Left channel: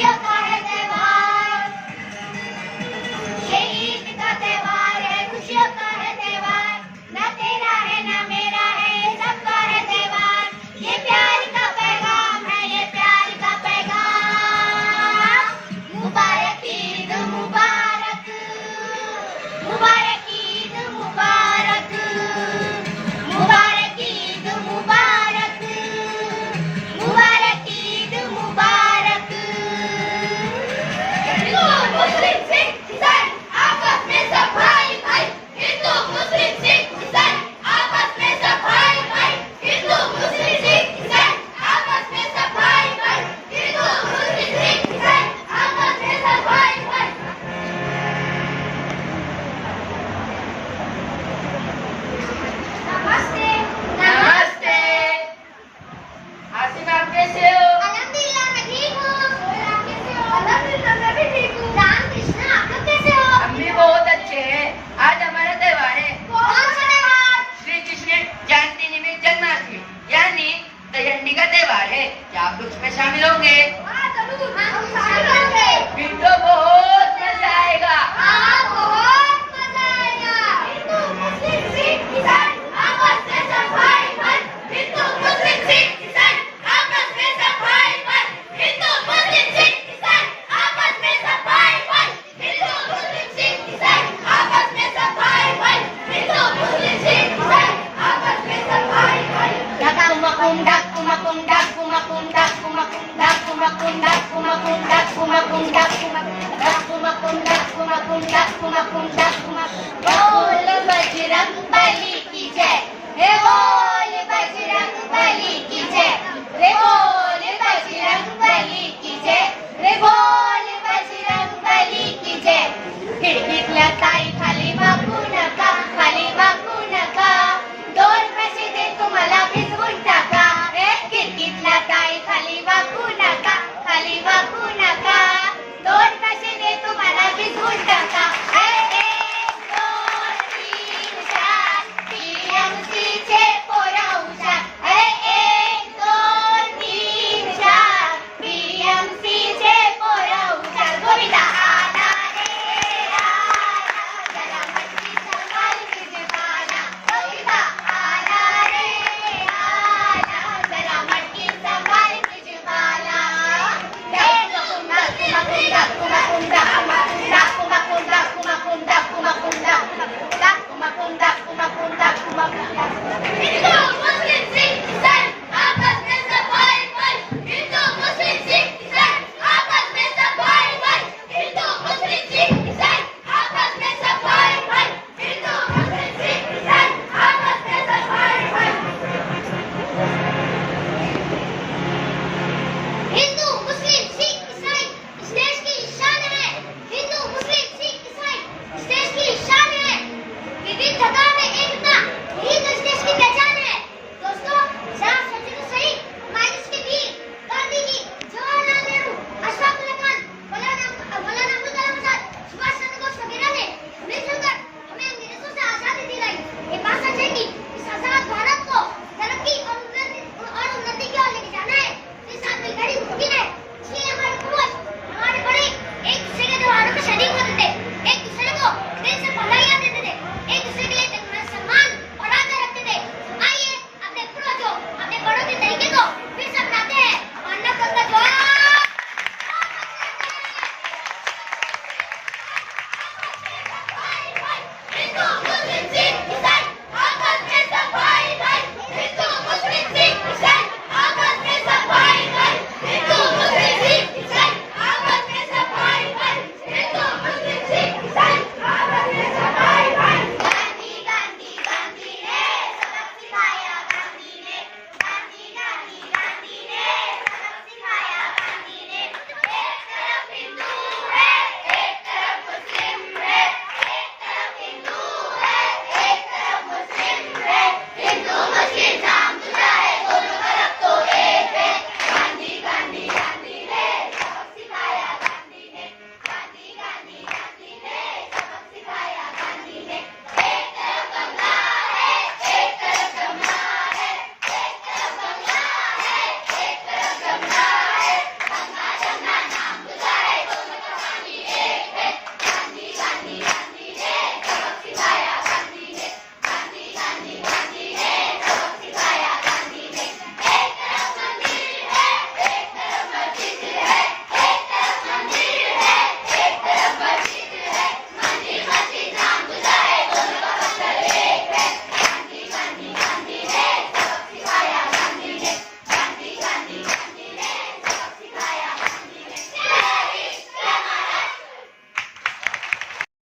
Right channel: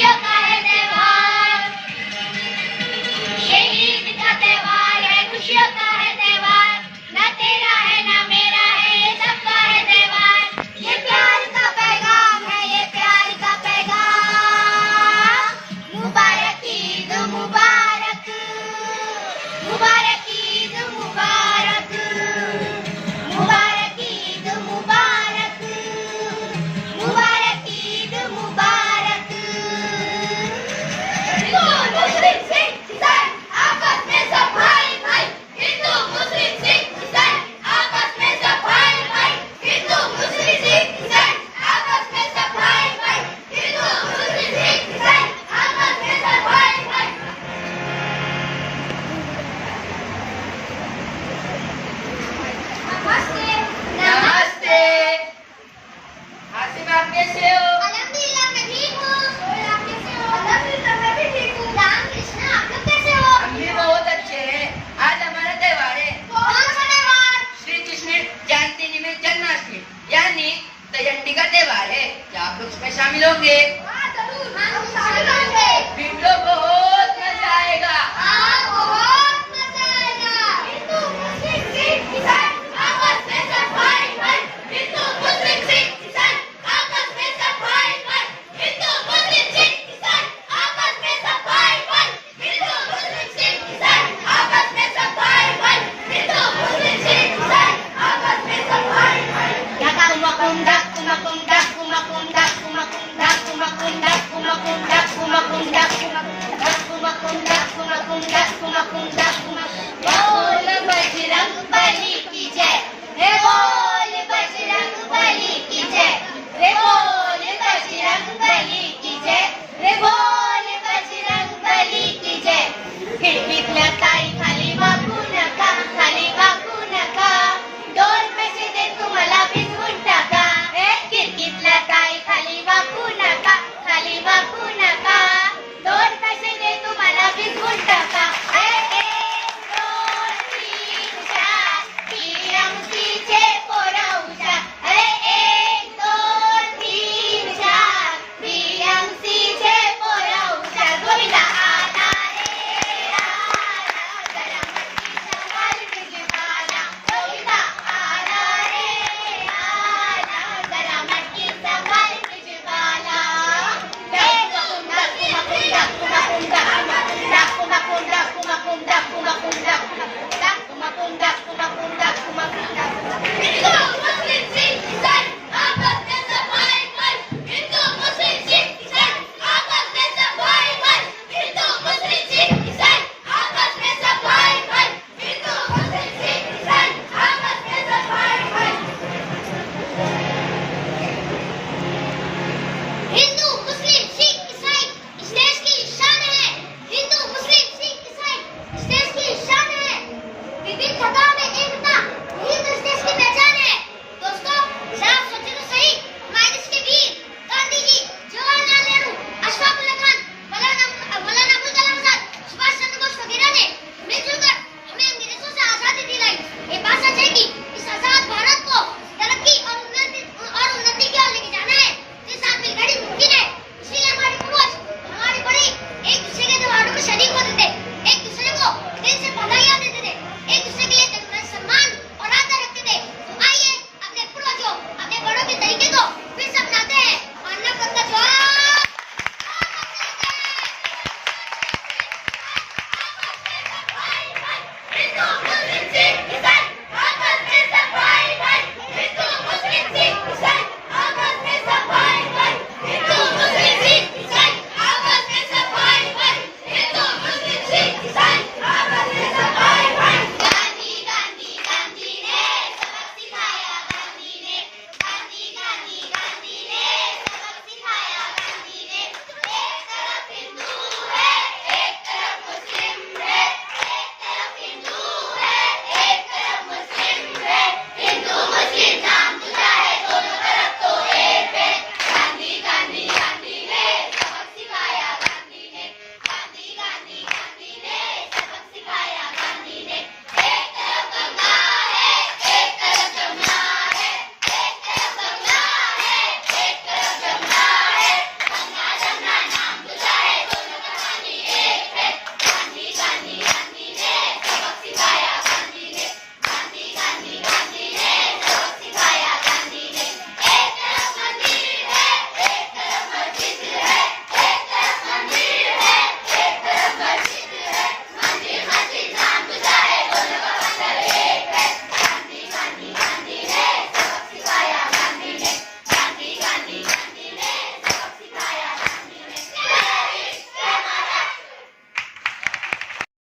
खुशियों का है त्योहार, ये ईद का त्योहार है, खुशियों का है त्योहार, न तेरा है न मेरा है, ये सबका है त्योहार, ये प्यार का पैगाम है, ये प्यार का पैगाम। मुबारक ईद मुबारक, मुबारक ईद मुबारक, मुबारक ईद मुबारक, मुबारक ईद मुबारक। हिंदू मुस्लिम सिख ईसाई आपस में सब भाई भाई, हिंदू मुस्लिम सिख ईसाई आपस में सब भाई भाई, हिंदू मुस्लिम सिख ईसाई आपस में सब भाई भाई, हिंदू मुस्लिम सिख ईसाई आपस में सब भाई भाई। नमस्ते। नमस्ते। आसिम, आप कैसे हो? अल्हम्दुलिल्लाह मैं ठीक हूँ। और आप कैसे हो? अल्हम्दुलिल्लाह मैं भी ठीक हूँ। राम कृष्ण आप लोग कैसे हो? हम भी बहुत अच्छे हैं। आज हमारा त्योहार है कौन सा त्योहार? श्री कृष्ण जयंती निमित्त जन्माष्टमी यानी दयंती का त्योहार है। क्या आप उसमें शामिल होंगे? हाँ जरूर, हम शामिल होंगे। फिर तो बहुत मजा आएगा। हाँ बहुत मजा आएगा। हिंदू मुस्लिम सिख ईसाई आपस में सब भाई भाई, हिंदू मुस्लिम सिख ईसाई आपस में सब भाई भाई, हिंदू मुस्लिम सिख ईसाई आपस में सब भाई भाई, हिंदू मुस्लिम सिख ईसाई आपस में सब भाई भाई, हिंदू मुस्लिम सिख ईसाई आपस में सब भाई भाई। Kumakunda, kumakunda, kumakunda, kumakunda, kumakunda, kumakunda, kumakunda, kumakunda, kumakunda, kumakunda, kumakunda। बोल बजरंग बली की जय, हे बोल बजरंग बली की जय, हे बोल